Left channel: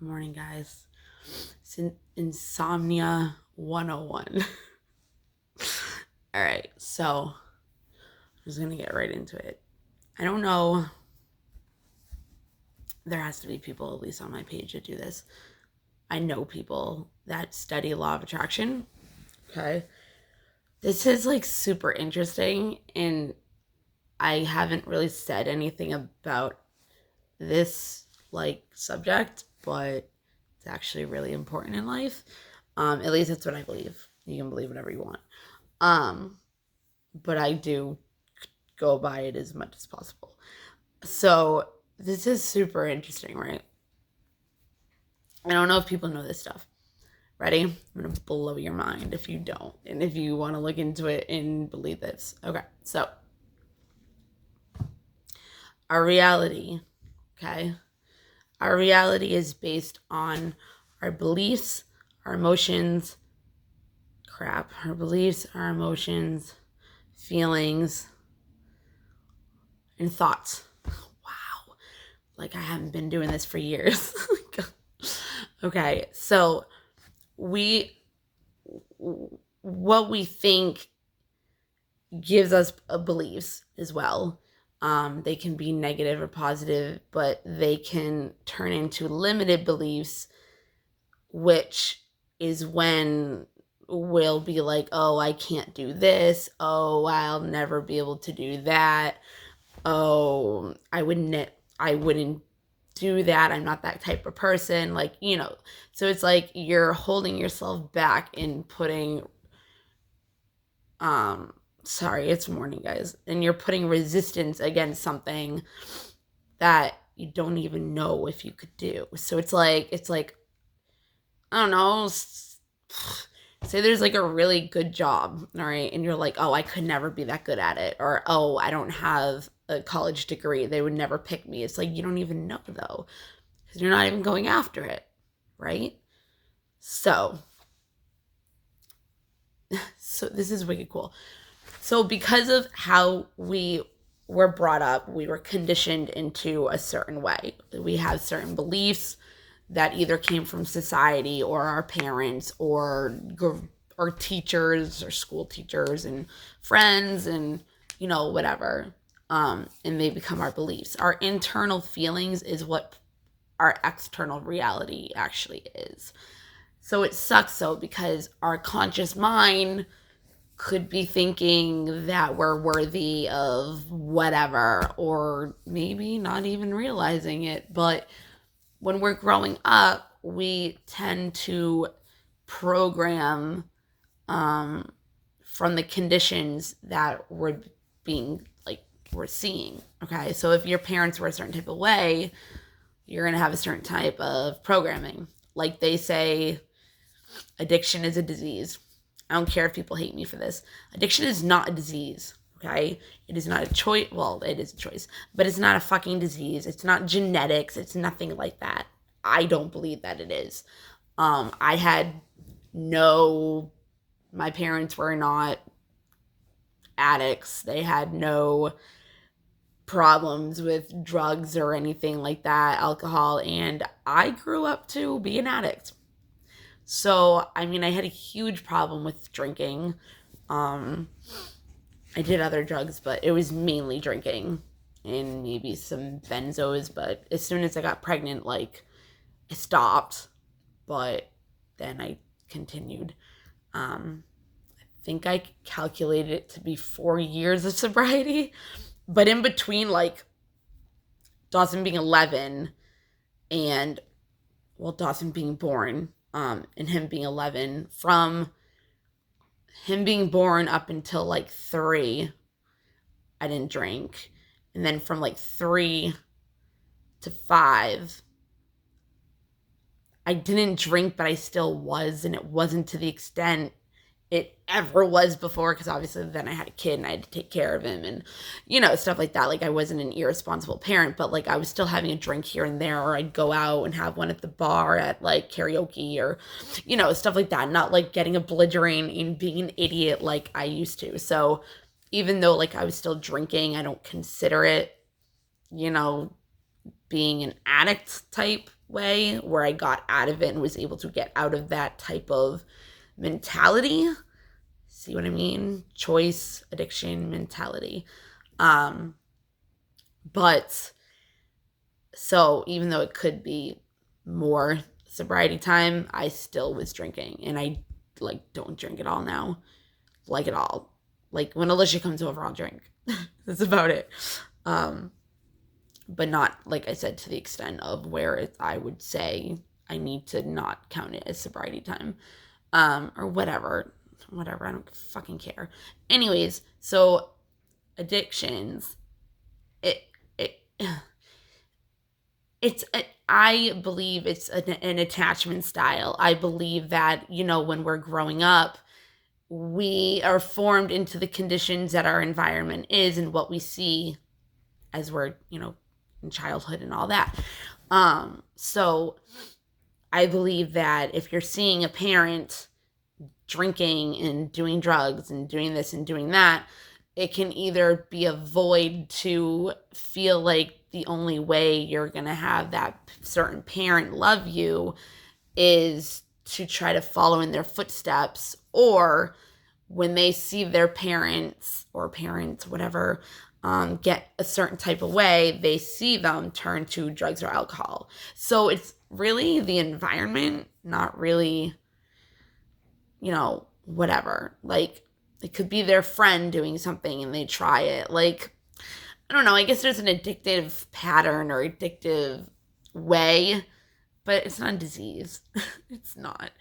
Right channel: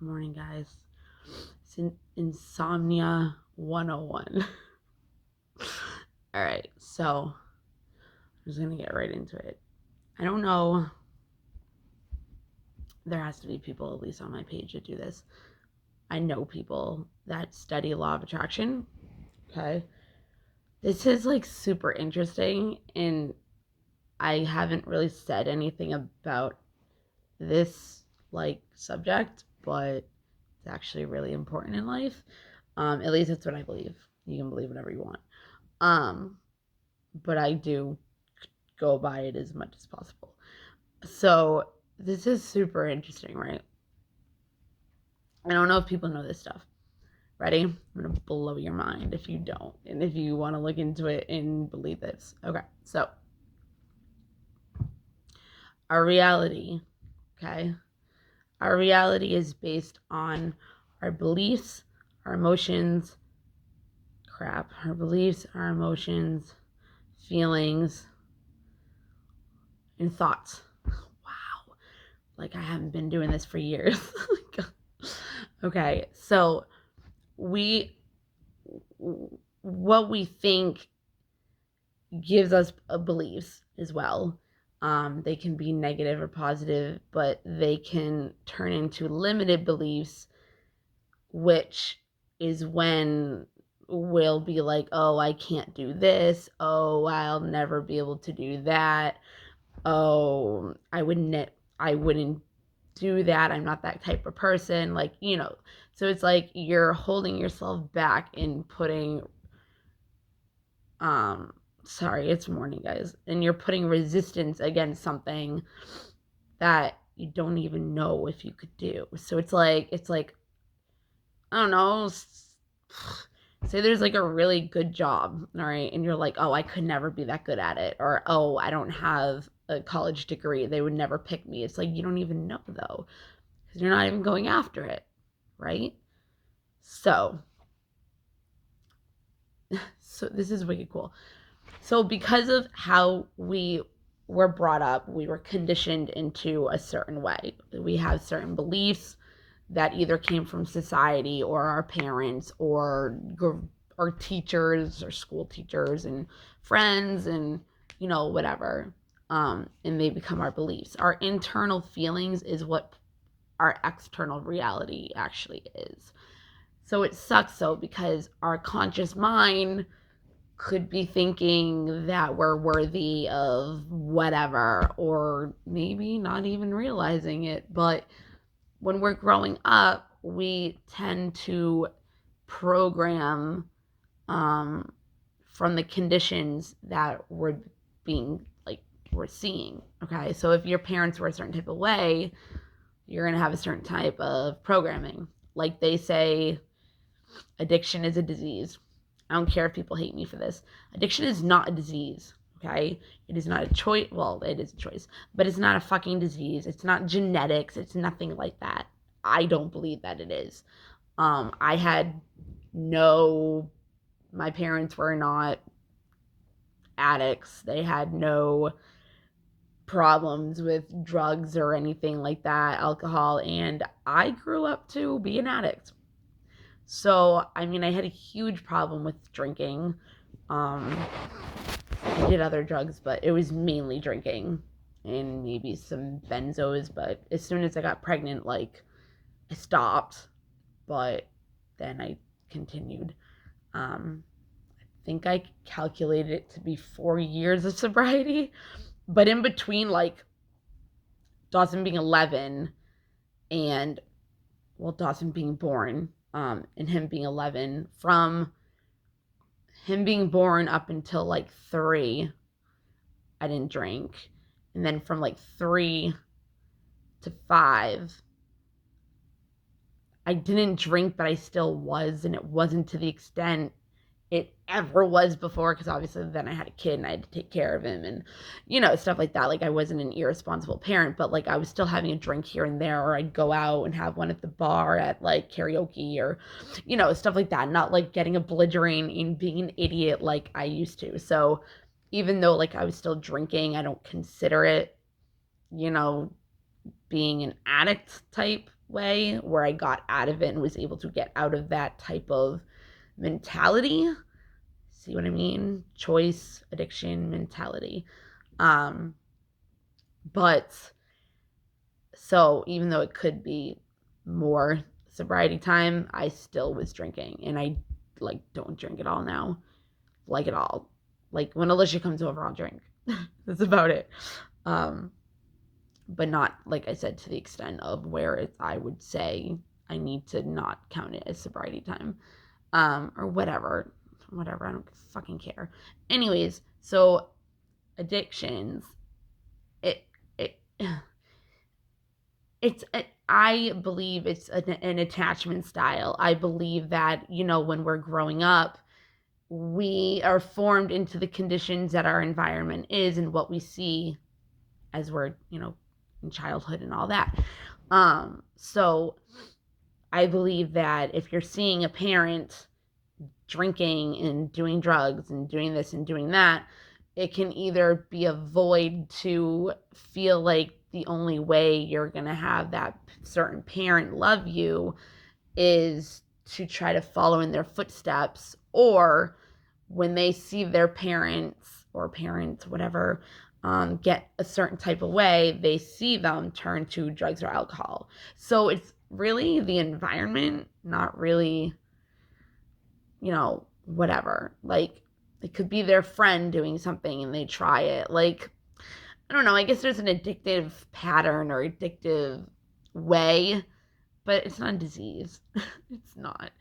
Morning, guys. Insomnia 101. All right, so I'm just going to get right into it. I don't know. There has to be people, at least on my page, that do this. I know people that study law of attraction. Okay. This is like super interesting, and I haven't really said anything about this like subject, but it's actually really important in life. At least that's what I believe. You can believe whatever you want. Um, but I do go by it as much as possible. So this is super interesting, right? I don't know if people know this stuff. Ready? I'm gonna blow your mind if you don't, and if you want to look into it and believe this. Okay, so our reality, okay, our reality is based on our beliefs, our emotions, our beliefs, our emotions, feelings, and thoughts. Wow. Like I haven't been doing this for years. Okay, so what we think gives us beliefs as well. They can be negative or positive, but they can turn into limited beliefs, which is when we'll be like, oh, I can't do this. Oh, I'll never be able to do that. Oh, I wouldn't do that. I'm not that type of person. So it's like you're holding yourself back and putting sorry, it's morning, guys. And you're putting resistance against something that you don't even know if you could do. So it's like I don't know, say there's like a really good job, all right, and you're like, oh, I could never be that good at it, or oh, I don't have a college degree, they would never pick me. It's like you don't even know though, because you're not even going after it, right? So, so this is wicked cool. So because of how we were brought up, we were conditioned into a certain way. We have certain beliefs that either came from society or our parents or teachers or school teachers and friends and whatever. And they become our beliefs. Our internal feelings is what our external reality actually is. So it sucks though, because our conscious mind could be thinking that we're worthy of whatever, or maybe not even realizing it. But when we're growing up, we tend to program from the conditions that we're seeing. Okay, so if your parents were a certain type of way, you're gonna have a certain type of programming. Like they say, addiction is a disease. I don't care if people hate me for this. Addiction is not a disease, okay? It is not a choice. Well, it is a choice, but it's not a fucking disease. It's not genetics. It's nothing like that. I don't believe that it is. I had no, my parents were not addicts. They had no problems with drugs or anything like that, alcohol, and I grew up to be an addict. So, I mean, I had a huge problem with drinking. Um, I did other drugs, but it was mainly drinking and maybe some benzos. But as soon as I got pregnant, like, I stopped, but then I continued. I think I calculated it to be 4 years of sobriety, but in between, like, Dawson being 11 and, well, Dawson being born, and him being 11, from him being born up until like 3, I didn't drink. And then from like 3 to 5, I didn't drink, but I still was. And it wasn't to the extent it ever was before, because obviously then I had a kid and I had to take care of him and stuff like that. Like I wasn't an irresponsible parent, but like I was still having a drink here and there, or I'd go out and have one at the bar at like karaoke, or stuff like that, not like getting a belligerent and being an idiot like I used to. So even though like I was still drinking, I don't consider it you know being an addict type way where I got out of it and was able to get out of that type of mentality. See what I mean? Choice, addiction, mentality. But so even though it could be more sobriety time, I still was drinking, and I like don't drink at all now, like at all. Like when Alicia comes over, I'll drink. That's about it. But not, like I said, to the extent of where I would say I need to not count it as sobriety time, or whatever. I don't fucking care. Anyways, so addictions, it I believe it's an attachment style. I believe that, when we're growing up, we are formed into the conditions that our environment is and what we see as we're, in childhood and all that. So I believe that if you're seeing a parent drinking and doing drugs and doing this and doing that, it can either be a void to feel like the only way you're going to have that certain parent love you is to try to follow in their footsteps, or when they see their parents, whatever, get a certain type of way, they see them turn to drugs or alcohol. So it's really the environment, not really, whatever. Like, it could be their friend doing something and they try it. Like, I don't know, I guess there's an addictive pattern or addictive way, but it's not a disease. It's not.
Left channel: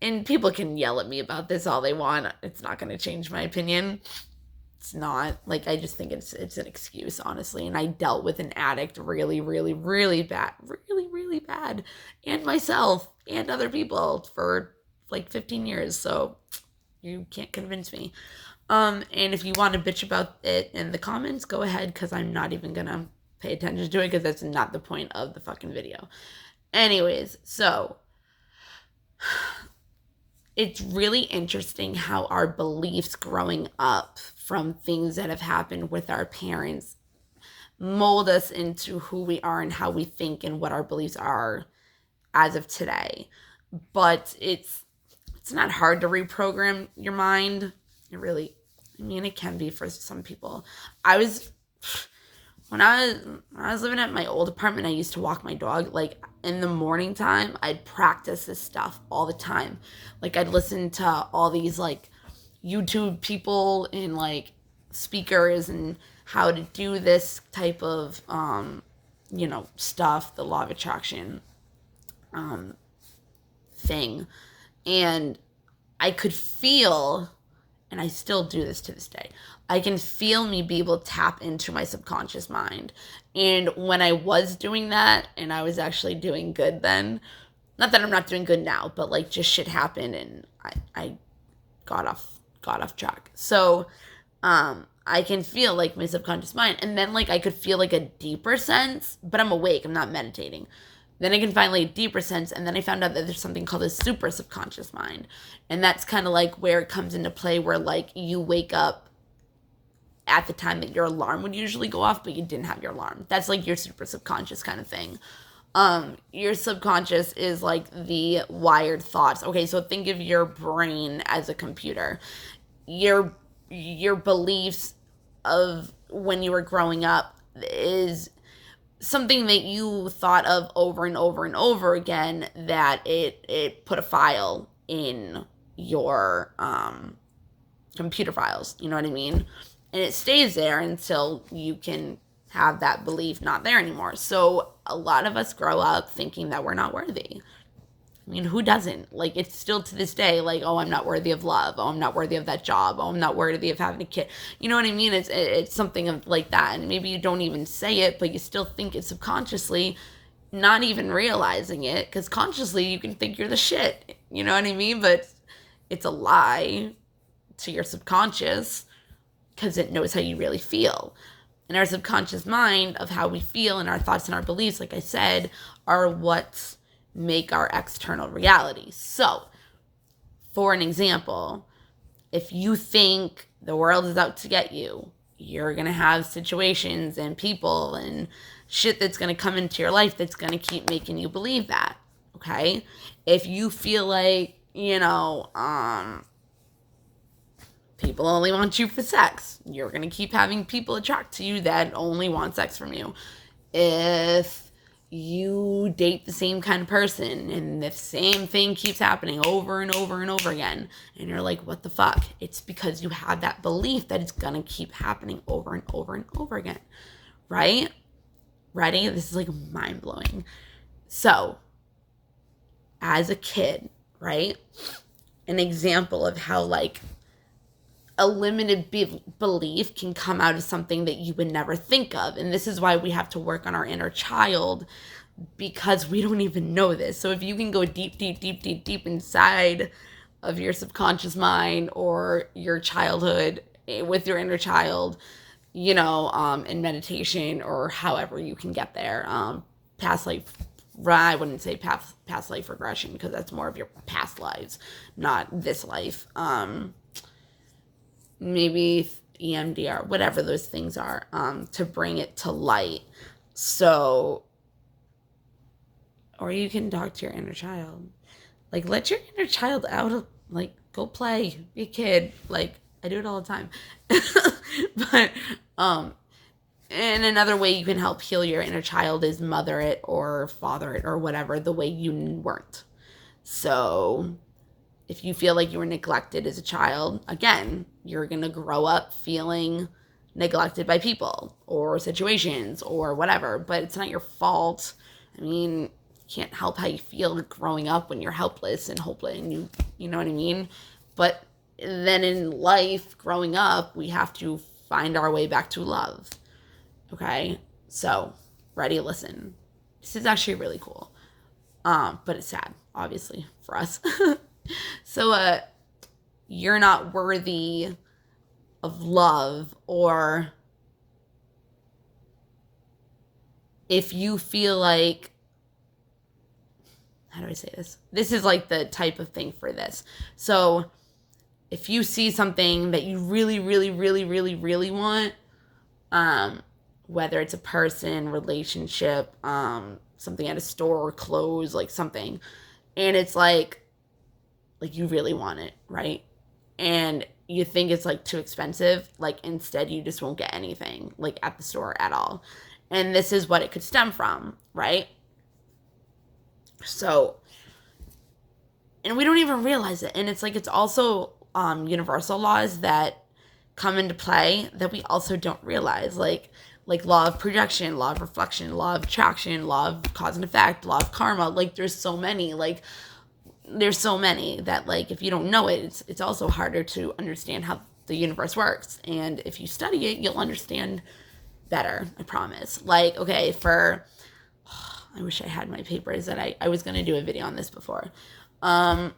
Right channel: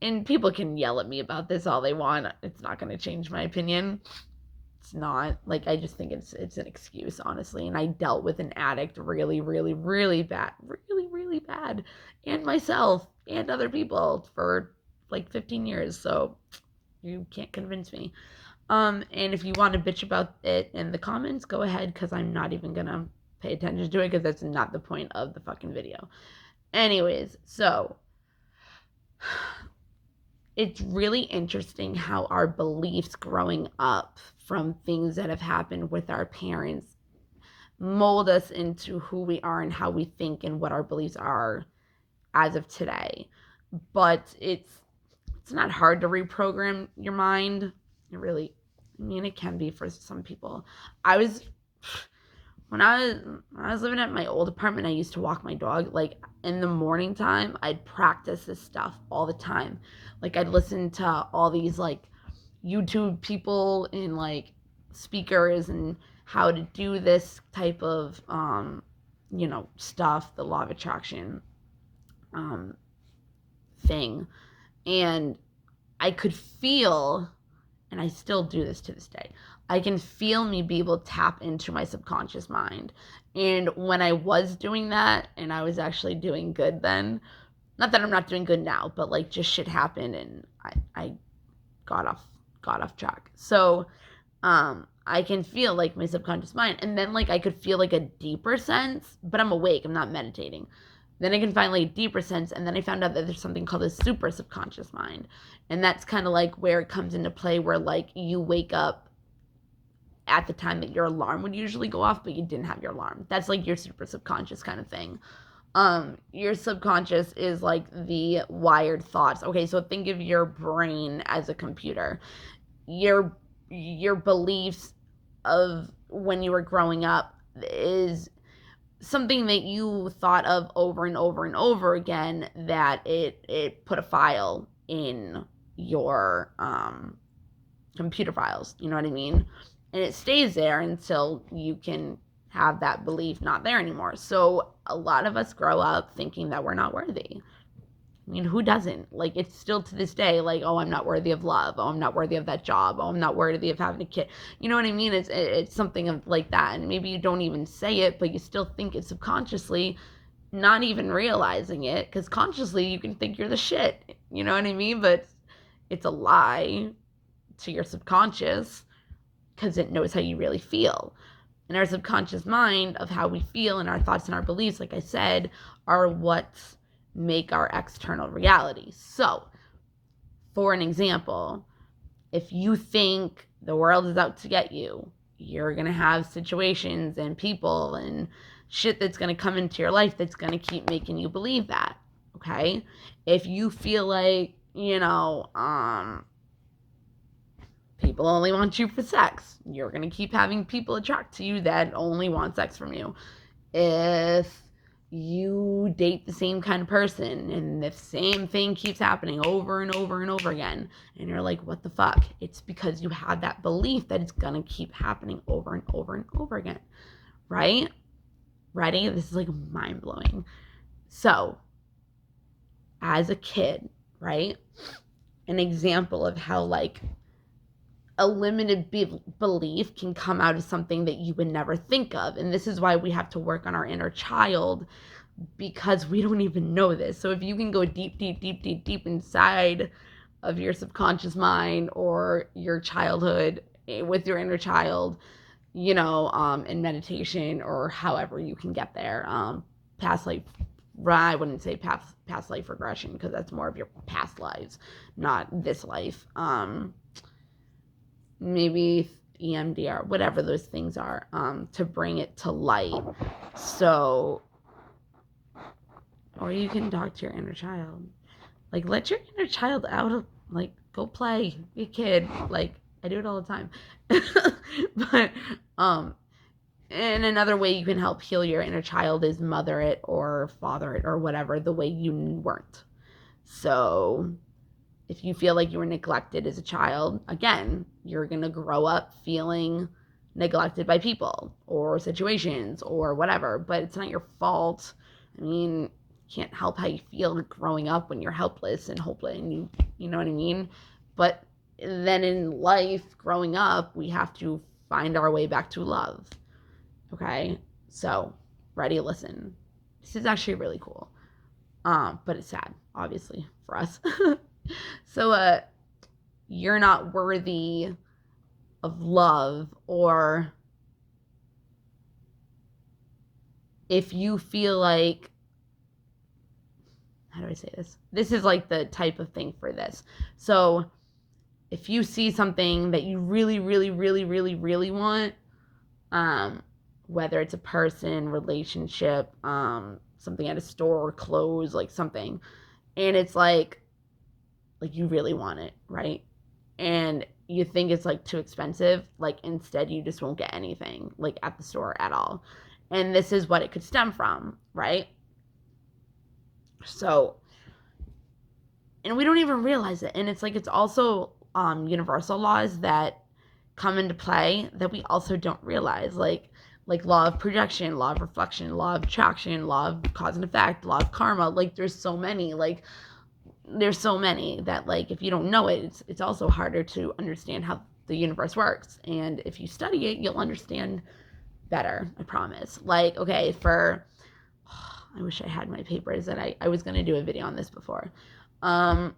And people can yell at me about this all they want. It's not going to change my opinion. It's not. Like, I just think it's an excuse, honestly. And I dealt with an addict really, really, really bad. Really, really bad. And myself and other people for like 15 years. So you can't convince me. And if you want to bitch about it in the comments, go ahead, because I'm not even going to pay attention to it, because that's not the point of the fucking video. Anyways, so it's really interesting how our beliefs growing up from things that have happened with our parents mold us into who we are and how we think and what our beliefs are as of today. But it's not hard to reprogram your mind. It can be for some people. When I was living at my old apartment, I used to walk my dog. Like, in the morning time, I'd practice this stuff all the time. Like, I'd listen to all these, like, YouTube people and, like, speakers and how to do this type of, stuff, the law of attraction thing. And I could feel, and I still do this to this day, I can feel me be able to tap into my subconscious mind. And when I was doing that, and I was actually doing good then, not that I'm not doing good now, but like just shit happened and I got off track. So I can feel like my subconscious mind, and then like I could feel like a deeper sense, but I'm awake, I'm not meditating. Then I can finally a deeper sense, and then I found out that there's something called a super subconscious mind. And that's kind of like where it comes into play, where like you wake up at the time that your alarm would usually go off, but you didn't have your alarm. That's like your super subconscious kind of thing. Your subconscious is like the wired thoughts. Okay, so think of your brain as a computer. Your beliefs of when you were growing up is something that you thought of over and over and over again, that it put a file in your computer files, you know what I mean? And it stays there until you can have that belief not there anymore. So a lot of us grow up thinking that we're not worthy. I mean, who doesn't? Like, it's still to this day, like, oh, I'm not worthy of love. Oh, I'm not worthy of that job. Oh, I'm not worthy of having a kid. You know what I mean? It's something of like that. And maybe you don't even say it, but you still think it subconsciously, not even realizing it. Because consciously, you can think you're the shit. You know what I mean? But it's a lie to your subconscious, because it knows how you really feel. And our subconscious mind of how we feel and our thoughts and our beliefs, like I said, are what make our external reality. So, for an example, if you think the world is out to get you, you're going to have situations and people and shit that's going to come into your life that's going to keep making you believe that. Okay? If you feel like, people only want you for sex, you're going to keep having people attract to you that only want sex from you. If you date the same kind of person and the same thing keeps happening over and over and over again, and you're like, what the fuck? It's because you have that belief that it's going to keep happening over and over and over again. Right? Ready? This is like mind-blowing. So, as a kid, right? An example of how like a limited belief can come out of something that you would never think of. And this is why we have to work on our inner child, because we don't even know this. So if you can go deep, deep, deep, deep, deep inside of your subconscious mind or your childhood with your inner child, in meditation or however you can get there, past life, I wouldn't say past life regression, because that's more of your past lives, not this life. Maybe EMDR, whatever those things are, to bring it to light. So, or you can talk to your inner child. Like, let your inner child out, like, go play, be a kid. Like, I do it all the time. But, and another way you can help heal your inner child is mother it or father it or whatever, the way you weren't. So, if you feel like you were neglected as a child, again, you're going to grow up feeling neglected by people or situations or whatever, but it's not your fault. I mean, you can't help how you feel growing up when you're helpless and hopeless, and you know what I mean? But then in life, growing up, we have to find our way back to love. Okay? So, ready? Listen. This is actually really cool. But it's sad, obviously, for us. So, you're not worthy of love, or if you feel like, how do I say this? This is like the type of thing for this. So, if you see something that you really, really, really, really, really want, whether it's a person, relationship, something at a store or clothes, like something, and it's like you really want it, right? And you think it's like too expensive, like instead you just won't get anything like at the store at all. And this is what it could stem from, right? So, and we don't even realize it. And it's like, it's also universal laws that come into play that we also don't realize, like law of projection, law of reflection, law of attraction, law of cause and effect, law of karma. Like, there's so many that, like, if you don't know it, it's also harder to understand how the universe works. And if you study it, you'll understand better, I promise. Like, okay, I wish I had my papers, that I was going to do a video on this before. Law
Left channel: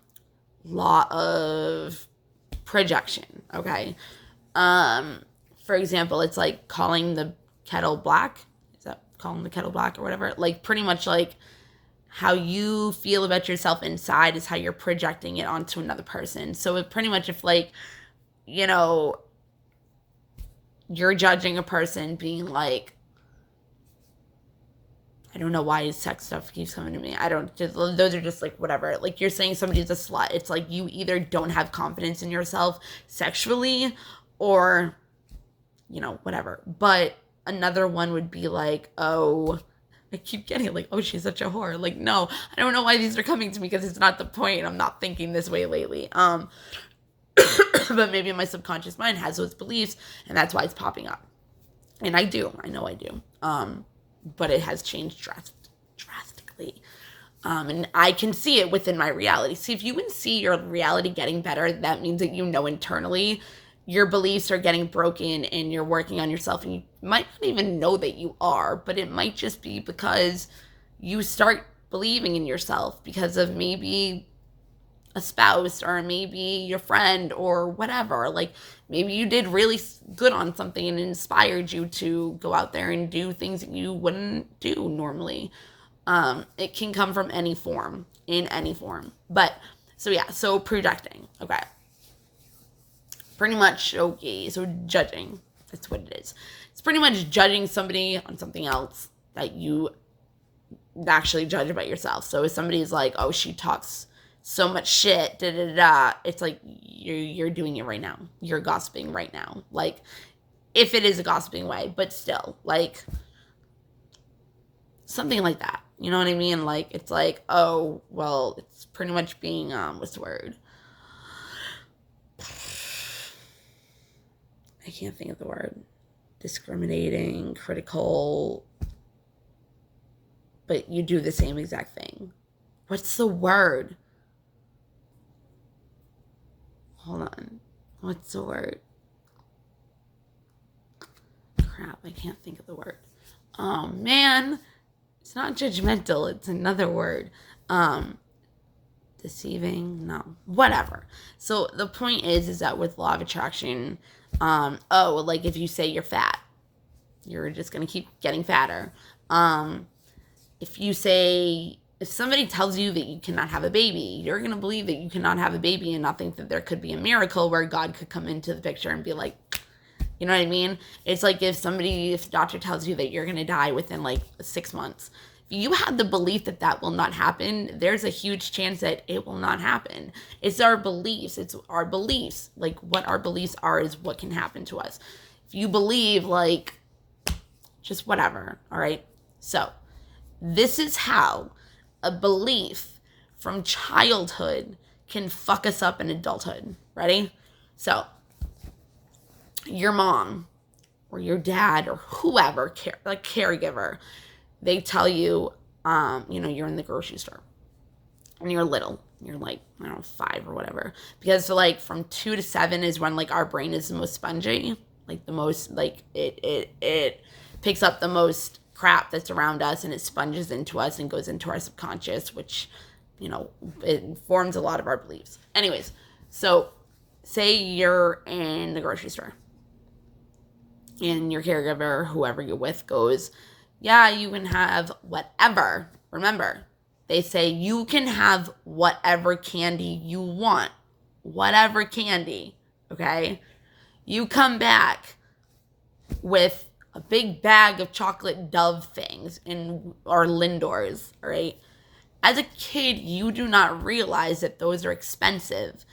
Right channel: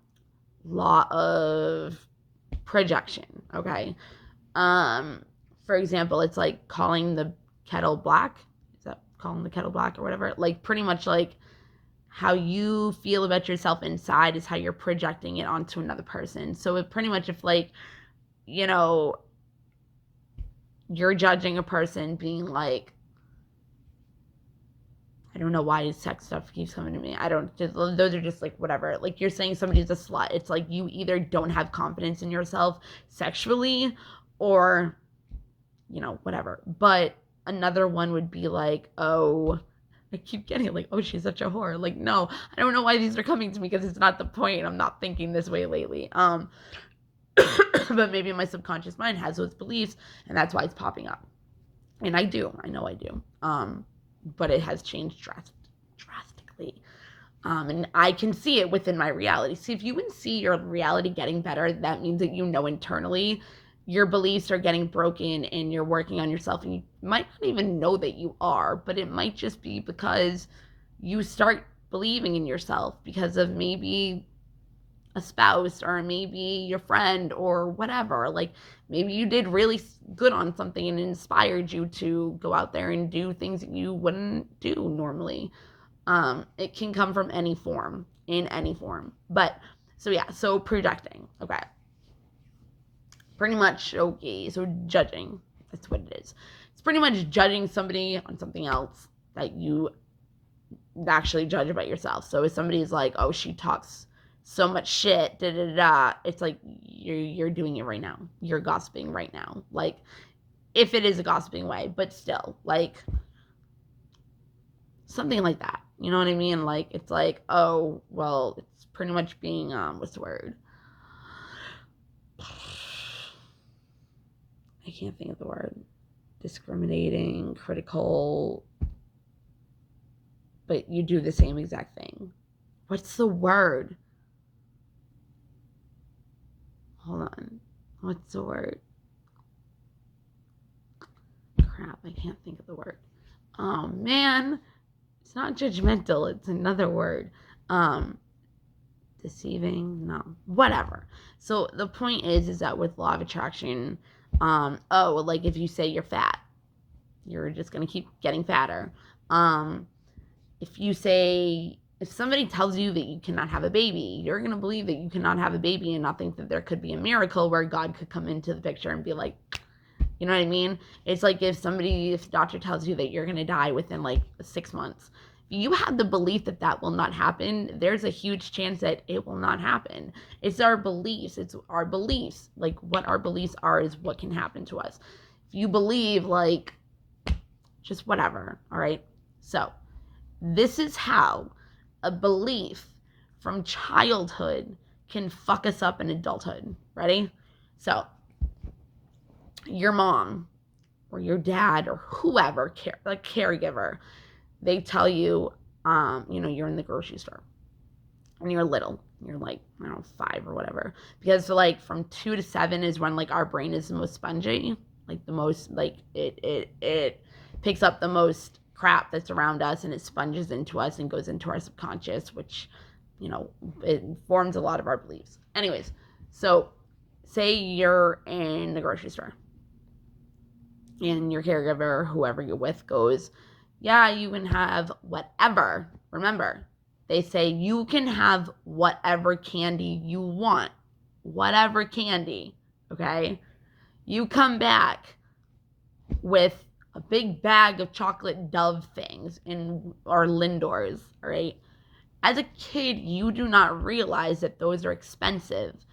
of projection, okay? For example, it's like calling the kettle black. Is that calling the kettle black or whatever? Like, pretty much like how you feel about yourself inside is how you're projecting it onto another person. So it pretty much, if like, you're judging a person being like, I don't know why sex stuff keeps coming to me. Those are just like whatever. Like, you're saying somebody's a slut. It's like you either don't have confidence in yourself sexually or, whatever. But another one would be like, oh, I keep getting it, like, oh, she's such a whore. Like, no, I don't know why these are coming to me, because it's not the point. I'm not thinking this way lately. But maybe my subconscious mind has those beliefs, and that's why it's popping up. And I know I do. But it has changed drastically. And I can see it within my reality. See, if you can see your reality getting better, that means that internally your beliefs are getting broken and you're working on yourself, and you might not even know that you are, but it might just be because you start believing in yourself because of maybe a spouse or maybe your friend or whatever. Like, maybe you did really good on something and it inspired you to go out there and do things that you wouldn't do normally. It can come from in any form. But, so projecting, okay. Pretty much, okay, so judging, that's what it is. It's pretty much judging somebody on something else that you actually judge about yourself. So if somebody's like, oh, she talks so much shit, da da da, it's like you're doing it right now. You're gossiping right now. Like, if it is a gossiping way, but still, like, something like that. You know what I mean? Like, it's like, oh, well, it's pretty much being, what's the word? I can't think of the word. Discriminating, critical, but you do the same exact thing. What's the word? Hold on. What's the word? Crap, I can't think of the word. Oh, man. It's not judgmental. It's another word. Deceiving? No. Whatever. So the point is that with law of attraction, like if you say you're fat, you're just going to keep getting fatter. If somebody tells you that you cannot have a baby, you're going to believe that you cannot have a baby and not think that there could be a miracle where God could come into the picture and be like, you know what I mean? It's like if the doctor tells you that you're going to die within like 6 months, you have the belief that that will not happen, there's a huge chance that it will not happen. It's our beliefs. Like, what our beliefs are is what can happen to us. If you believe, like, just whatever, all right? So, this is how a belief from childhood can fuck us up in adulthood. Ready? So, your mom or your dad or whoever, like caregiver, they tell you, you're in the grocery store and you're little. You're like, I don't know, 5 or whatever. Because like from 2 to 7 is when like our brain is the most spongy, like the most, like it picks up the most crap that's around us and it sponges into us and goes into our subconscious, which, it forms a lot of our beliefs. Anyways, so say you're in the grocery store and your caregiver, whoever you're with, goes, yeah, you can have whatever. Remember, they say you can have whatever candy you want. Whatever candy, okay? You come back with a big bag of chocolate Dove things or Lindors, all right? As a kid, you do not realize that those are expensive.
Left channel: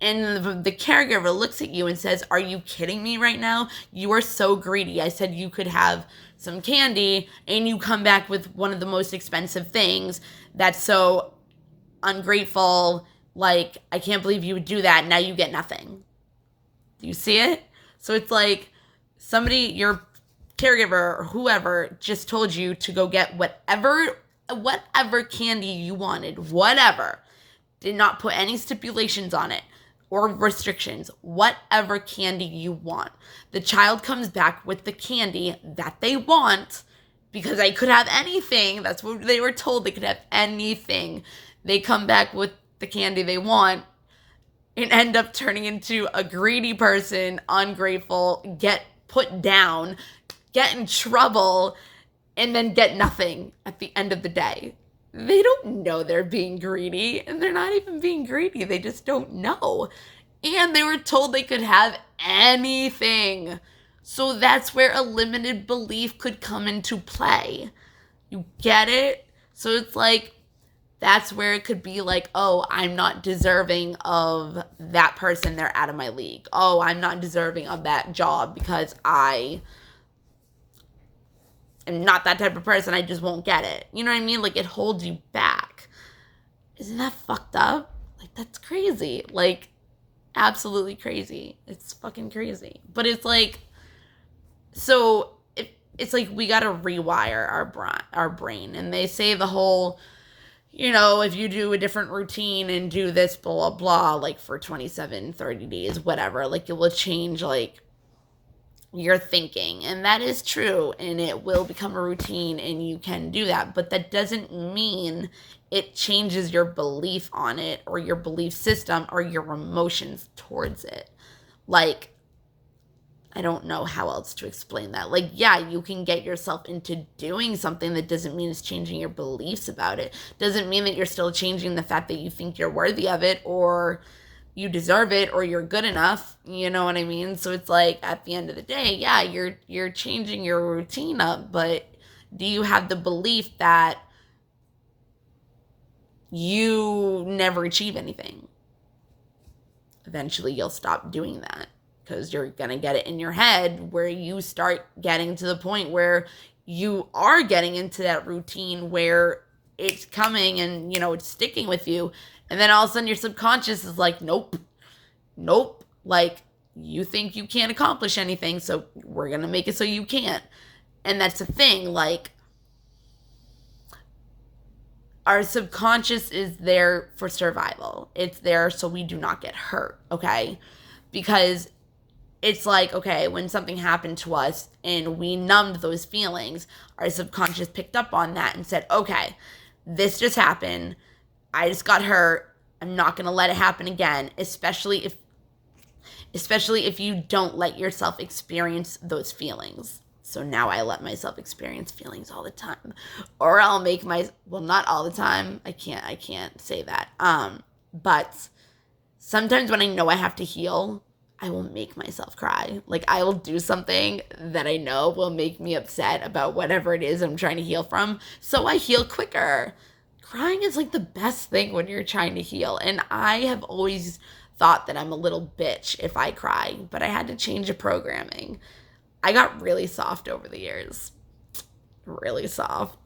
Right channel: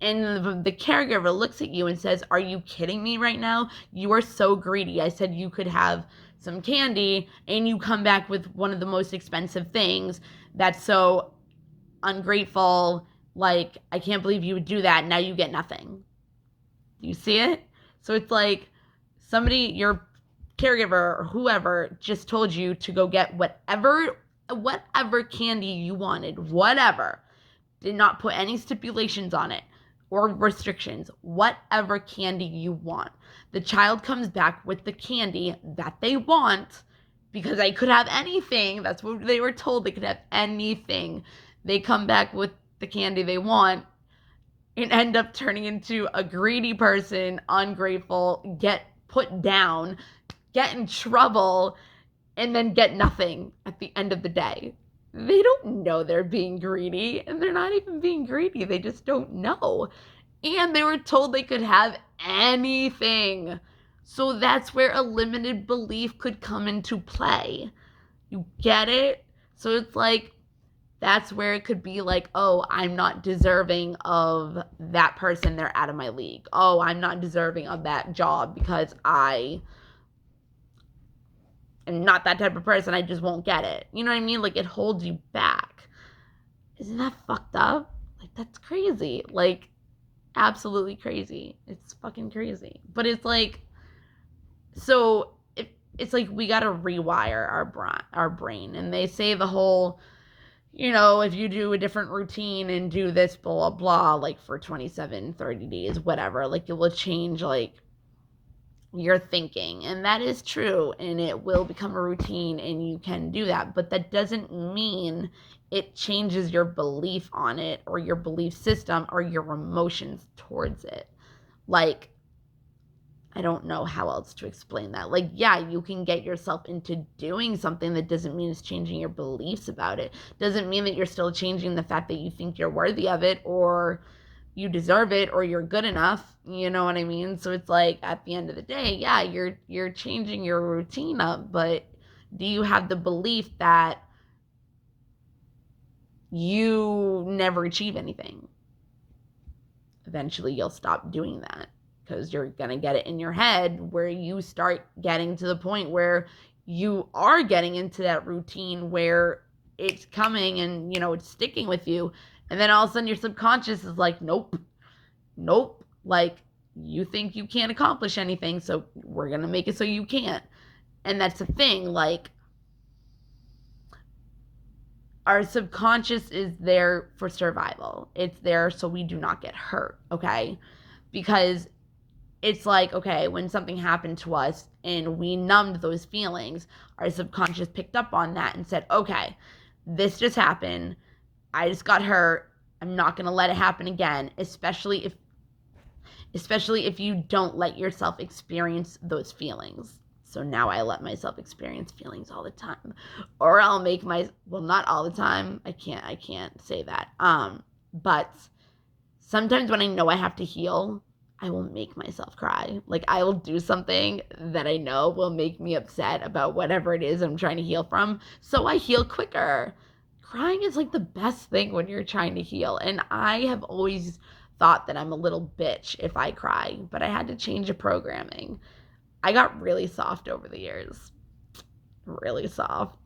And the caregiver looks at you and says, are you kidding me right now? You are so greedy. I said you could have some candy and you come back with one of the most expensive things. That's so ungrateful. Like, I can't believe you would do that. Now you get nothing. Do you see it? So it's like your caregiver or whoever just told you to go get whatever candy you wanted, whatever. Did not put any stipulations on it or restrictions, whatever candy you want. The child comes back with the candy that they want because they could have anything. That's what they were told. They could have anything. They come back with the candy they want and end up turning into a greedy person, ungrateful, get put down, get in trouble, and then get nothing at the end of the day. They don't know they're being greedy, and they're not even being greedy. They just don't know. And they were told they could have anything. So that's where a limited belief could come into play. You get it? So it's like, that's where it could be like, oh, I'm not deserving of that person. They're out of my league. Oh, I'm not deserving of that job because I am not that type of person. I just won't get it. You know what I mean? Like, it holds you back. Isn't that fucked up? Like, that's crazy. Like, absolutely crazy. It's fucking crazy. But it's like, so it's like we got to rewire our brain. And they say the whole, if you do a different routine and do this, blah, blah, blah, like for 27, 30 days, whatever, like it will change, like, your thinking. And that is true. And it will become a routine and you can do that. But that doesn't mean it changes your belief on it or your belief system or your emotions towards it. Like, I don't know how else to explain that. Like, yeah, you can get yourself into doing something. That doesn't mean it's changing your beliefs about it. Doesn't mean that you're still changing the fact that you think you're worthy of it or you deserve it or you're good enough. You know what I mean? So it's like, at the end of the day, yeah, you're changing your routine up, but Do you have the belief that you never achieve anything? Eventually you'll stop doing that, because you're going to get it in your head where you start getting to the point where you are getting into that routine where it's coming and, it's sticking with you. And then all of a sudden your subconscious is like, nope. Like, you think you can't accomplish anything, so we're going to make it so you can't. And that's the thing. Like, our subconscious is there for survival. It's there so we do not get hurt, okay? Because it's like, okay, when something happened to us and we numbed those feelings, our subconscious picked up on that and said, okay, this just happened. I just got hurt. I'm not going to let it happen again, especially if you don't let yourself experience those feelings. So now I let myself experience feelings all the time. Or I'll make not all the time. I can't say that. But sometimes when I know I have to heal, I will make myself cry. Like, I will do something that I know will make me upset about whatever it is I'm trying to heal from, so I heal quicker. Crying is like the best thing when you're trying to heal. And I have always thought that I'm a little bitch if I cry, but I had to change the programming. I got really soft over the years. Really soft.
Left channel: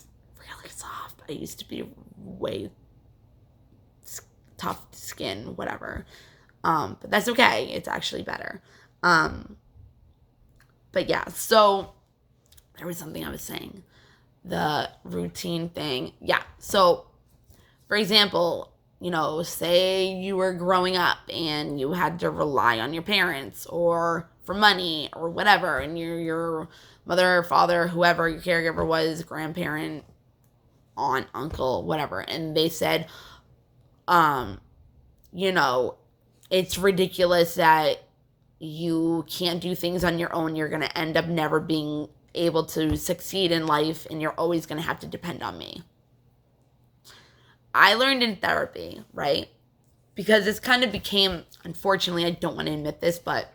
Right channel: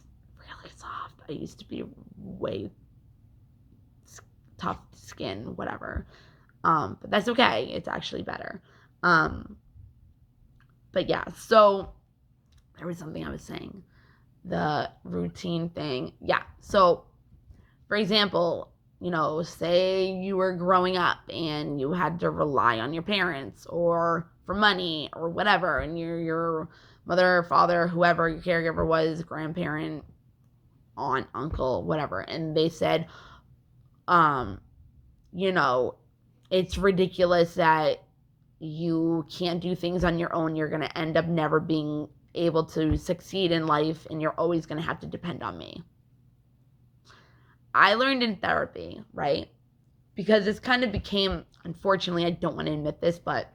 I used to be way tough skin, whatever. But that's okay. It's actually better. But yeah, so there was something I was saying. The routine thing. Yeah. So, for example, say you were growing up and you had to rely on your parents or for money or whatever, and your mother, father, whoever your caregiver was, grandparent, aunt, uncle, whatever, and they said, it's ridiculous that you can't do things on your own. You're going to end up never being able to succeed in life, and you're always going to have to depend on me. I learned in therapy, right? Because this kind of became, unfortunately, I don't want to admit this, but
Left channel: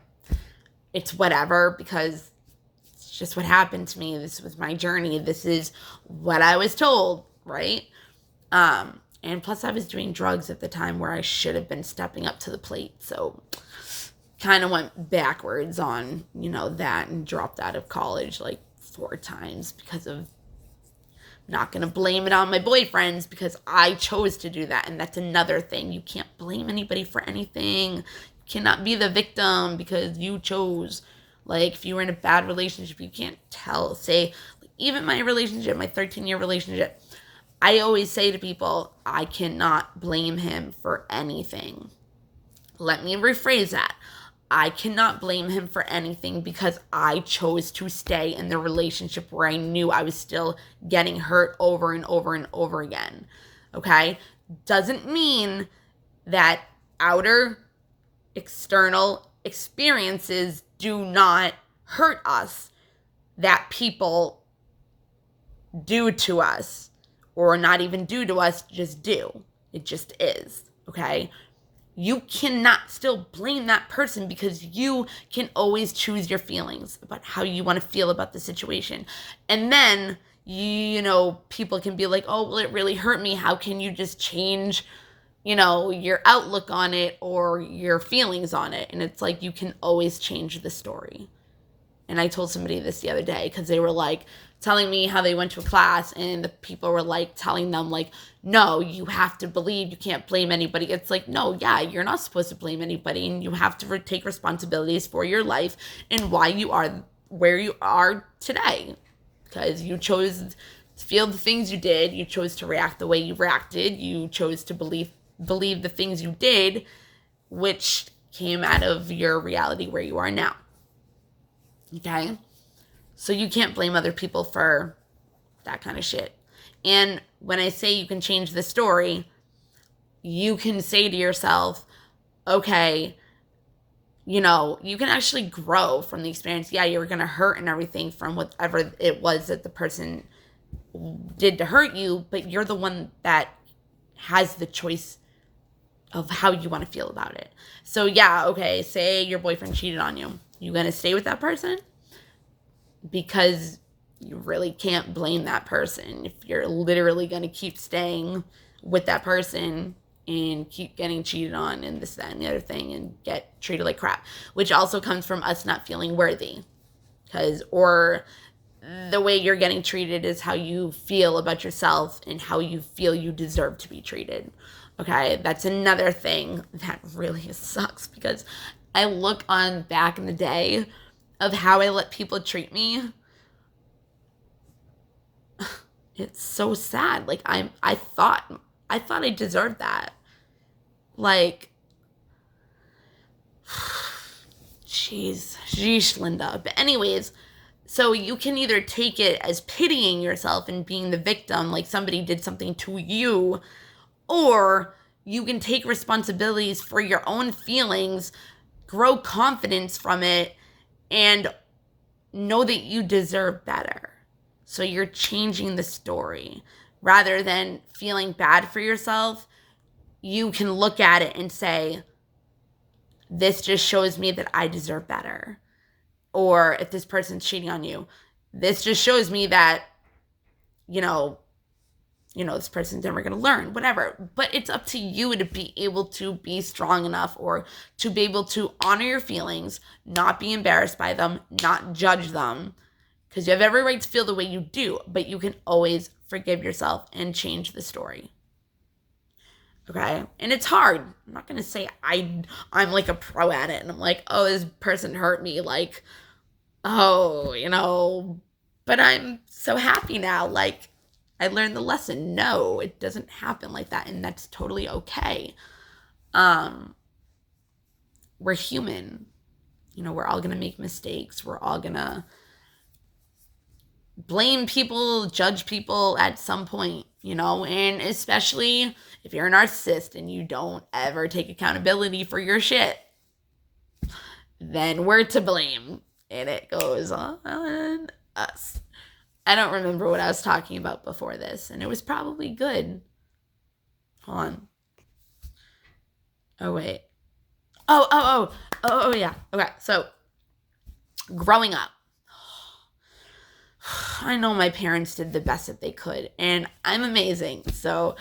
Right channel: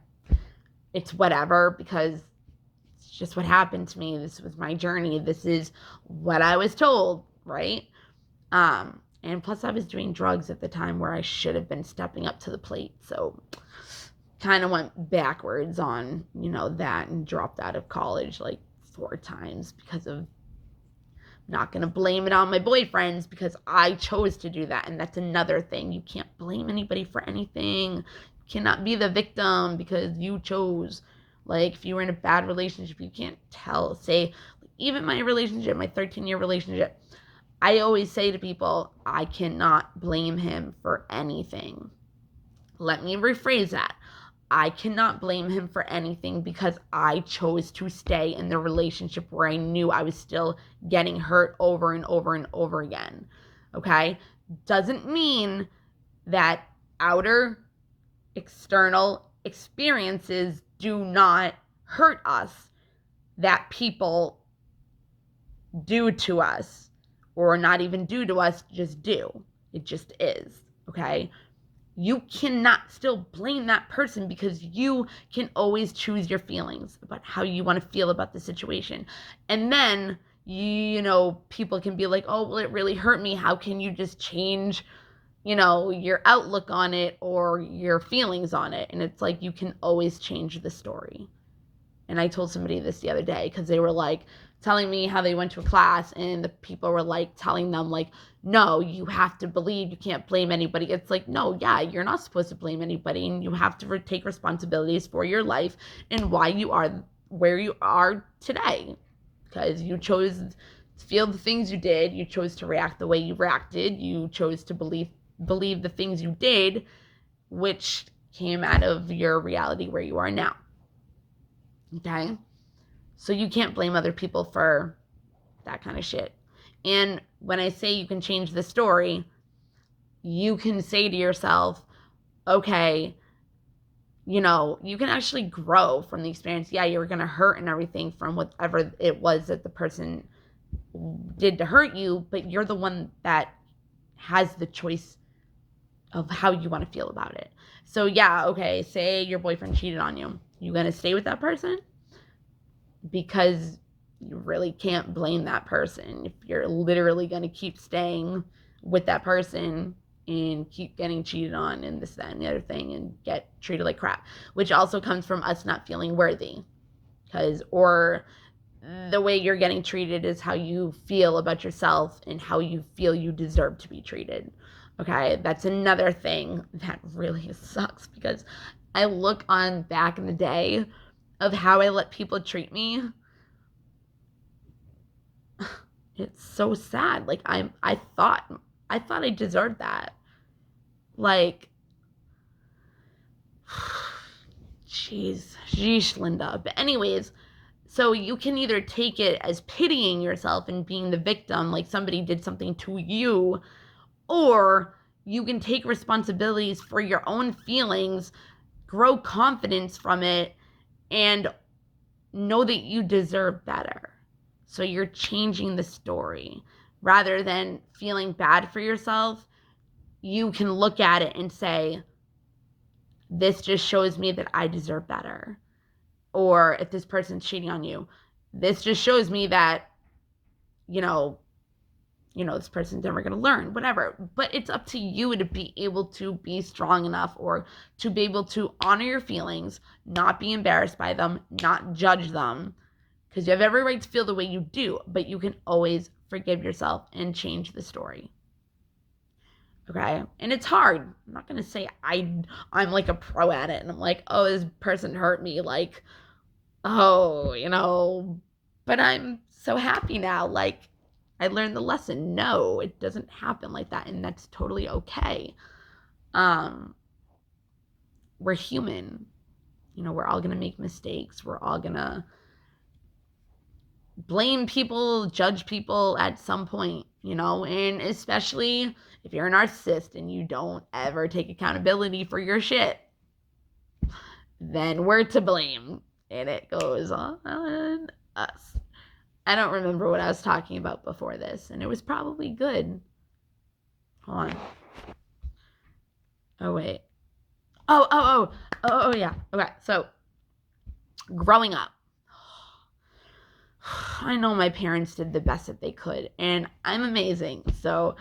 it's whatever, because it's just what happened to me. This was my journey. This is what I was told, right? And plus I was doing drugs at the time where I should have been stepping up to the plate. So kind of went backwards on, that, and dropped out of college like 4 times because of, not going to blame it on my boyfriends, because I chose to do that. And that's another thing. You can't blame anybody for anything. You cannot be the victim because you chose. Like, if you were in a bad relationship, you can't say, even my relationship, my 13-year relationship, I always say to people, I cannot blame him for anything. Let me rephrase that. I cannot blame him for anything because I chose to stay in the relationship where I knew I was still getting hurt over and over and over again. Okay? Doesn't mean that outer, external experiences do not hurt us, that people do to us, or not even do to us, just do. It just is. Okay? You cannot still blame that person, because you can always choose your feelings about how you want to feel about the situation. And then, people can be like, oh, well, it really hurt me. How can you just change, your outlook on it or your feelings on it? And it's like, you can always change the story. And I told somebody this the other day, because they were like telling me how they went to a class and the people were like telling them like, no, you have to believe, you can't blame anybody. It's like, no, yeah, you're not supposed to blame anybody, and you have to take responsibilities for your life and why you are where you are today. Because you chose to feel the things you did, you chose to react the way you reacted, you chose to believe the things you did, which came out of your reality where you are now. Okay? So you can't blame other people for that kind of shit. And when I say you can change the story, you can say to yourself, okay, you can actually grow from the experience. Yeah, you're going to hurt and everything from whatever it was that the person did to hurt you, but you're the one that has the choice of how you want to feel about it. So yeah, okay, say your boyfriend cheated on you. You going to stay with that person? Because you really can't blame that person if you're literally going to keep staying with that person and keep getting cheated on and this, that, and the other thing and get treated like crap, which also comes from us not feeling worthy. Or the way you're getting treated is how you feel about yourself and how you feel you deserve to be treated. Okay, that's another thing that really sucks, because I look on back in the day of how I let people treat me. It's so sad. Like I thought I deserved that. Like, sheesh, Linda. But anyways, so you can either take it as pitying yourself and being the victim, like somebody did something to you, or you can take responsibilities for your own feelings, grow confidence from it, and know that you deserve better. So you're changing the story. Rather than feeling bad for yourself, you can look at it and say, this just shows me that I deserve better. Or if this person's cheating on you, this just shows me that, this person's never going to learn, whatever. But it's up to you to be able to be strong enough, or to be able to honor your feelings, not be embarrassed by them, not judge them, because you have every right to feel the way you do, but you can always forgive yourself and change the story. Okay? And it's hard. I'm not going to say I'm like a pro at it and I'm like, oh, this person hurt me, like, oh, but I'm so happy now. Like, I learned the lesson. No, it doesn't happen like that, and that's totally okay. We're human. We're all going to make mistakes. We're all going to blame people, judge people at some point, and especially if you're a narcissist and you don't ever take accountability for your shit, then we're to blame, and it goes on us. I don't remember what I was talking about before this, and it was probably good. Hold on. Oh, wait. Oh, yeah. Okay, so growing up, I know my parents did the best that they could, and I'm amazing, so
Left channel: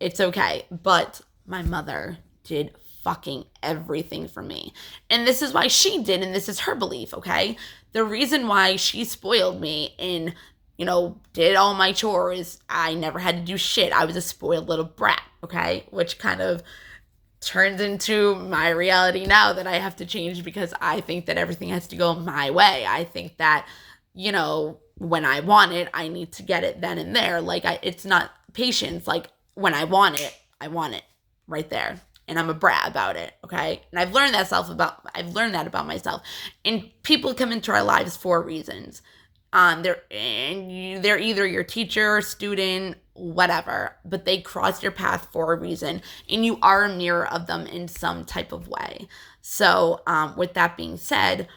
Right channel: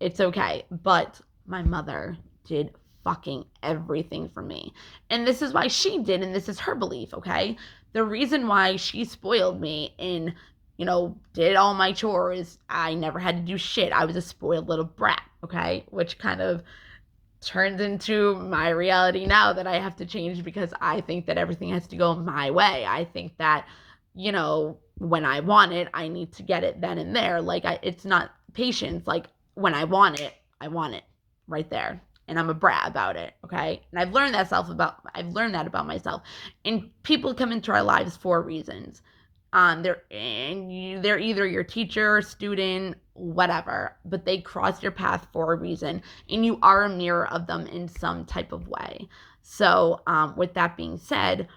it's okay. But my mother did fucking everything for me. And this is why she did, and this is her belief, okay? The reason why she spoiled me and, did all my chores, I never had to do shit. I was a spoiled little brat, okay? Which kind of turns into my reality now that I have to change, because I think that everything has to go my way. I think that, when I want it, I need to get it then and there. Like, it's not patience. Like, when I want it right there. And I'm a brat about it, okay? And I've learned that about myself. And people come into our lives for reasons. They're either your teacher, student, whatever, but they cross your path for a reason, and you are a mirror of them in some type of way. So, with that being said,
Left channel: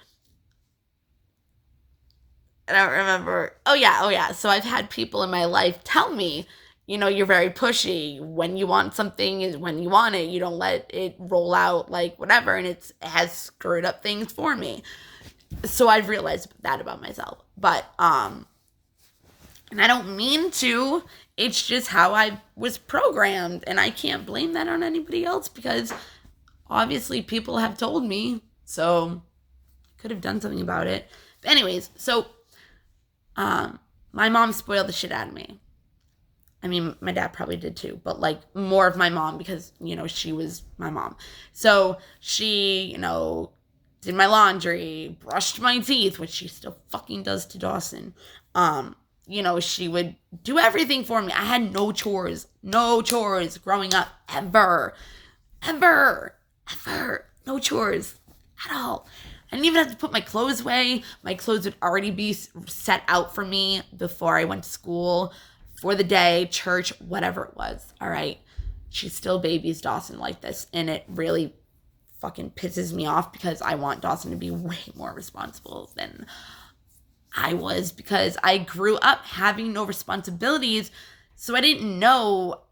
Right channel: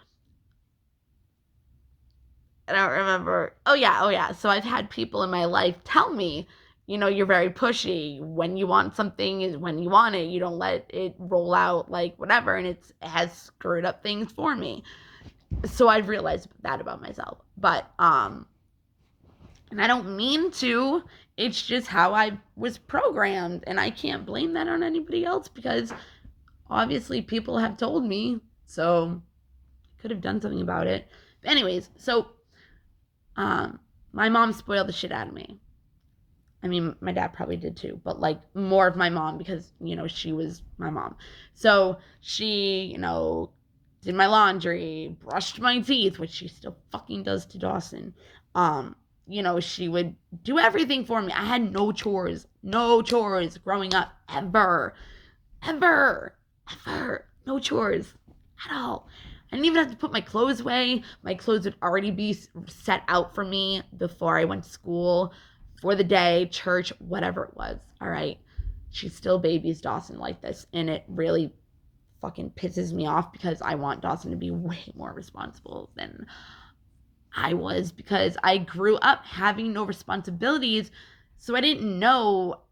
I don't remember. Oh yeah. So I've had people in my life tell me, you're very pushy. When you want something is when you want it. You don't let it roll out like whatever, and it has screwed up things for me. So I've realized that about myself. But and I don't mean to. It's just how I was programmed, and I can't blame that on anybody else, because obviously people have told me, so could have done something about it. But anyways, so my mom spoiled the shit out of me. I mean, my dad probably did too, but like more of my mom, because, she was my mom. So she, did my laundry, brushed my teeth, which she still fucking does to Dawson. She would do everything for me. I had no chores growing up, ever. No chores at all. I didn't even have to put my clothes away. My clothes would already be set out for me before I went to school, for the day, church, whatever it was. All right. She still babies Dawson like this, and it really fucking pisses me off, because I want Dawson to be way more responsible than I was, because I grew up having no responsibilities, so I didn't know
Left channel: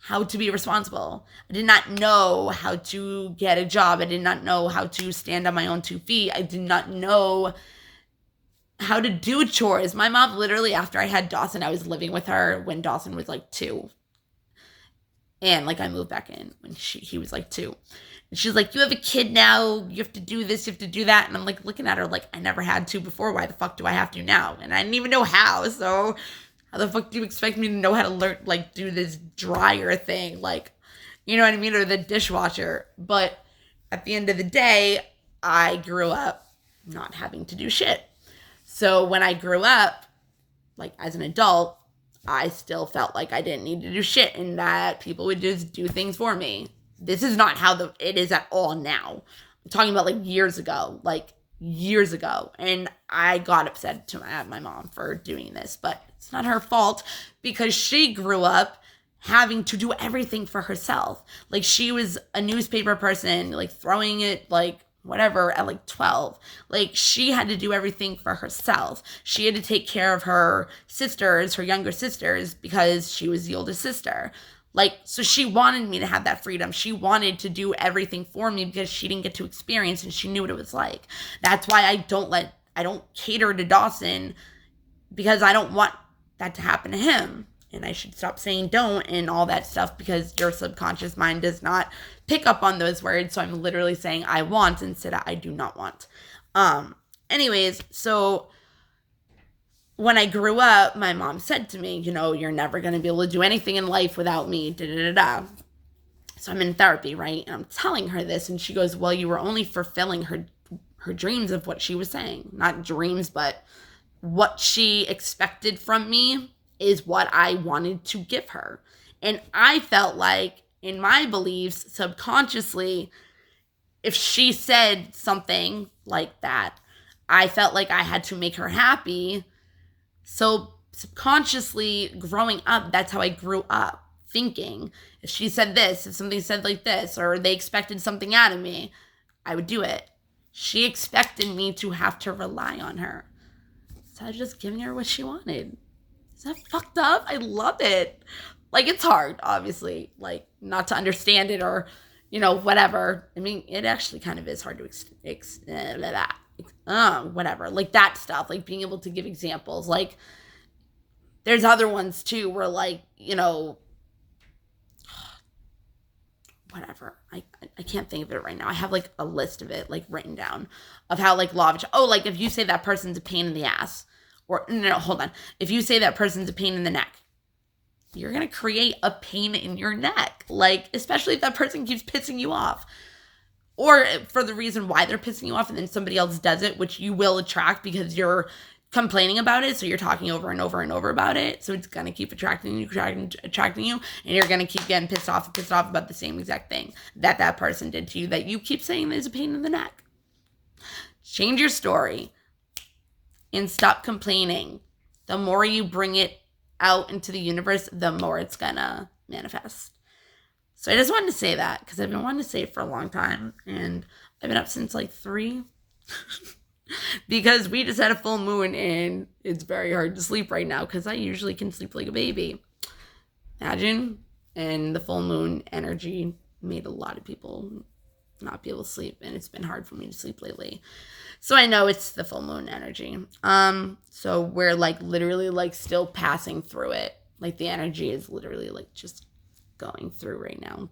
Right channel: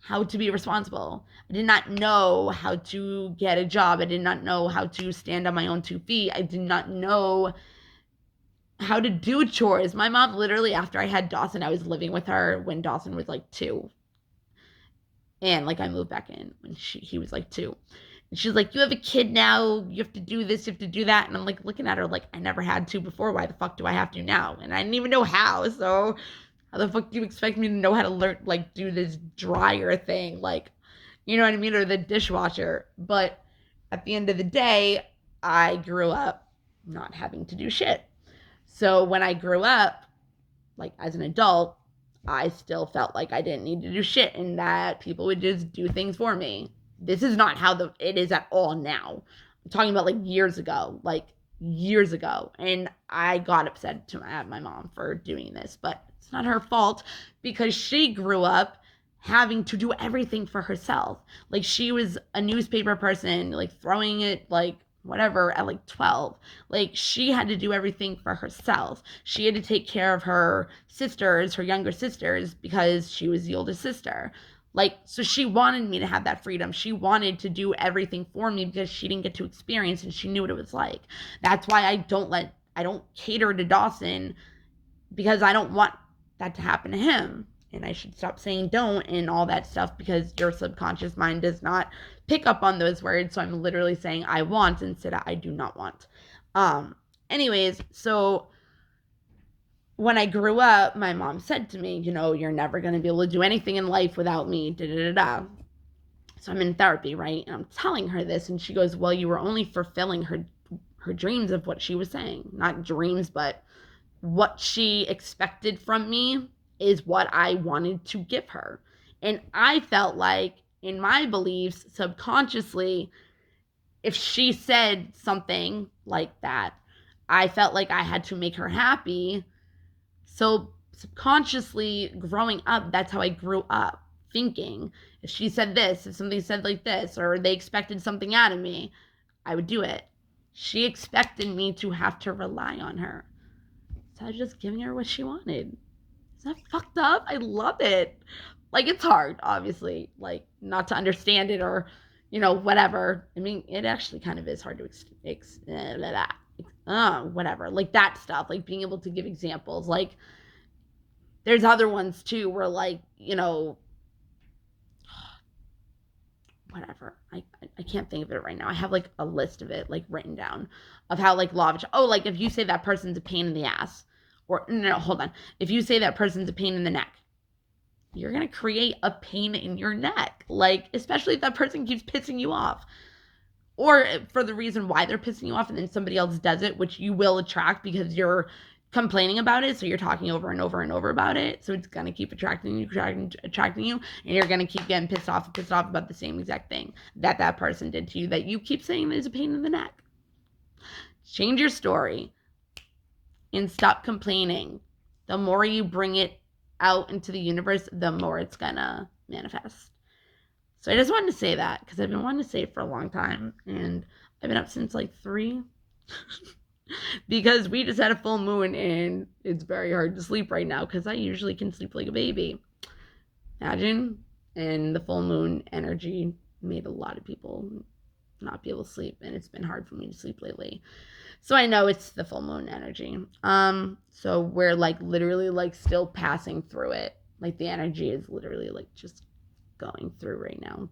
how to be responsible. I did not know how to get a job. I did not know how to stand on my own 2 feet. I did not know how to do chores. My mom, literally, after I had Dawson, I was living with her when Dawson was like 2. And like I moved back in when he was like 2. And she's like, you have a kid now. You have to do this. You have to do that. And I'm like looking at her like, I never had to before. Why the fuck do I have to now? And I didn't even know how. So how the fuck do you expect me to know how to learn, like, do this dryer thing? Like, you know what I mean? Or the dishwasher. But at the end of the day, I grew up not having to do shit. So when I grew up, like as an adult, I still felt like I didn't need to do shit and that people would just do things for me. This is not how it is at all now. I'm talking about like years ago. And I got upset at my mom for doing this, but it's not her fault because she grew up having to do everything for herself. Like she was a newspaper person, like throwing it like whatever at like 12. Like she had to do everything for herself. She had to take care of her sisters, her younger sisters, because she was the oldest sister. Like, so she wanted me to have that freedom. She wanted to do everything for me because she didn't get to experience and she knew what it was like. That's why I don't cater to Dawson, because I don't want that to happen to him. And I should stop saying don't and all that stuff because your subconscious mind does not pick up on those words. So I'm literally saying I want instead of I do not want. Anyways, so when I grew up, my mom said to me, you know, you're never going to be able to do anything in life without me, da-da-da-da. So I'm in therapy, right? And I'm telling her this, and she goes, well, you were only fulfilling her dreams of what she was saying. Not dreams, but what she expected from me is what I wanted to give her. And I felt like, in my beliefs, subconsciously, if she said something like that, I felt like I had to make her happy. So subconsciously, growing up, that's how I grew up thinking. If she said this, if somebody said like this, or they expected something out of me, I would do it. She expected me to have to rely on her. So I was just giving her what she wanted. Is that fucked up? I love it. Like, it's hard, obviously, like, not to understand it or, you know, whatever. I mean, it actually kind of is hard to whatever, like that stuff, like being able to give examples. Like, there's other ones too where, like, you know, whatever. I can't think of it right now. I have like a list of it like written down of how like like if you say that person's a pain in the ass, or no, hold on. If you say that person's a pain in the neck, you're going to create a pain in your neck. Like, especially if that person keeps pissing you off. Or for the reason why they're pissing you off and then somebody else does it, which you will attract because you're complaining about it. So you're talking over and over and over about it. So it's going to keep attracting you. And you're going to keep getting pissed off about the same exact thing that person did to you that you keep saying is a pain in the neck. Change your story and stop complaining. The more you bring it out into the universe, the more it's gonna manifest. So I just wanted to say that because I've been wanting to say it for a long time, and I've been up since like 3 because we just had a full moon and it's very hard to sleep right now because I usually can sleep like a baby. Imagine. And the full moon energy made a lot of people not be able to sleep, and it's been hard for me to sleep lately. So I know it's the full moon energy. So we're like literally like still passing through it. Like the energy is literally like just going through right now.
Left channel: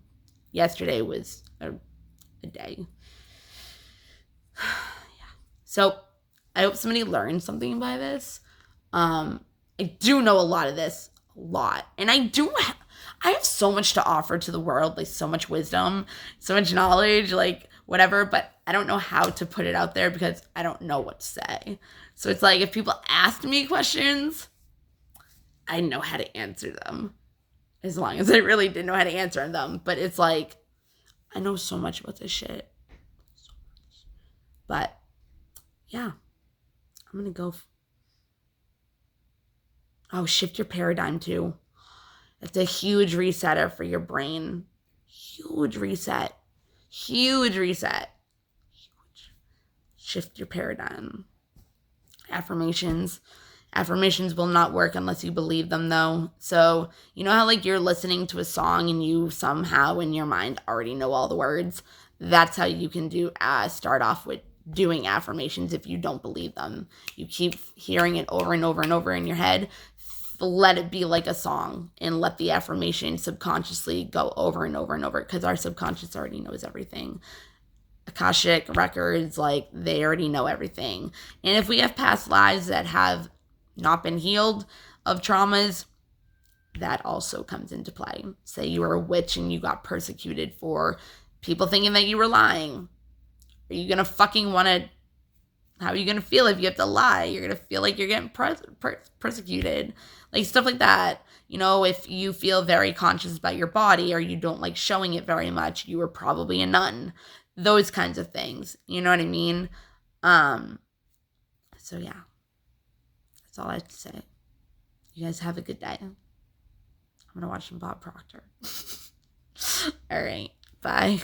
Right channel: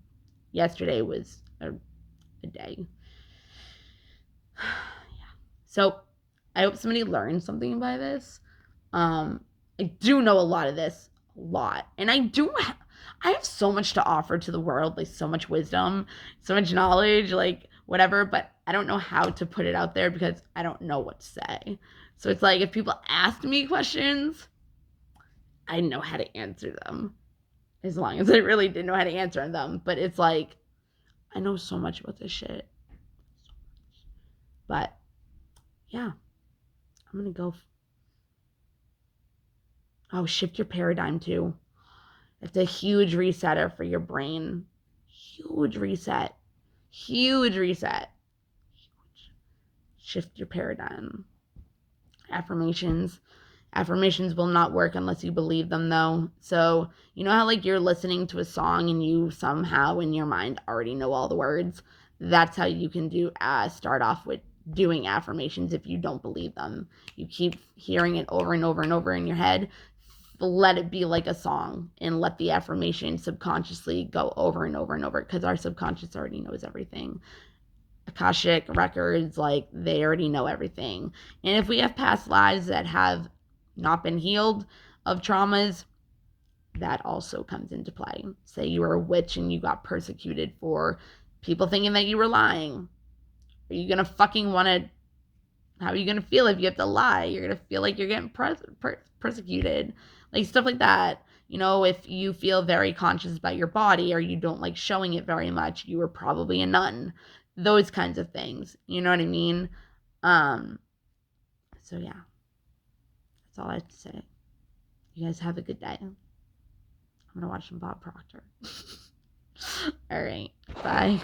Yesterday was a day. Yeah. So I hope somebody learned something by this. I do know a lot of this, and I have so much to offer to the world, like so much wisdom, so much knowledge, like whatever, but I don't know how to put it out there because I don't know what to say. So it's like if people ask me questions, I know how to answer them. As long as I really didn't know how to answer them. But it's like, I know so much about this shit. So much. But, yeah. I'm going to go. Shift your paradigm too. That's a huge resetter for your brain. Huge reset. Huge reset. Shift your paradigm. Affirmations will not work unless you believe them, though. So you know how like you're listening to a song and you somehow in your mind already know all the words? That's how you can start off with doing affirmations if you don't believe them. You keep hearing it over and over and over in your head. Let it be like a song and let the affirmation subconsciously go over and over and over, because our subconscious already knows everything. Akashic records, like, they already know everything. And if we have past lives that have not been healed of traumas, that also comes into play. Say you were a witch and you got persecuted for people thinking that you were lying. Are you gonna fucking want to? How are you gonna feel if you have to lie? You're gonna feel like you're getting persecuted, like stuff like that. You know, if you feel very conscious about your body or you don't like showing it very much, you were probably a nun. Those kinds of things. You know what I mean? So yeah, that's all I have to say. You guys have a good day. I'm gonna watch some Bob Proctor. All right, bye.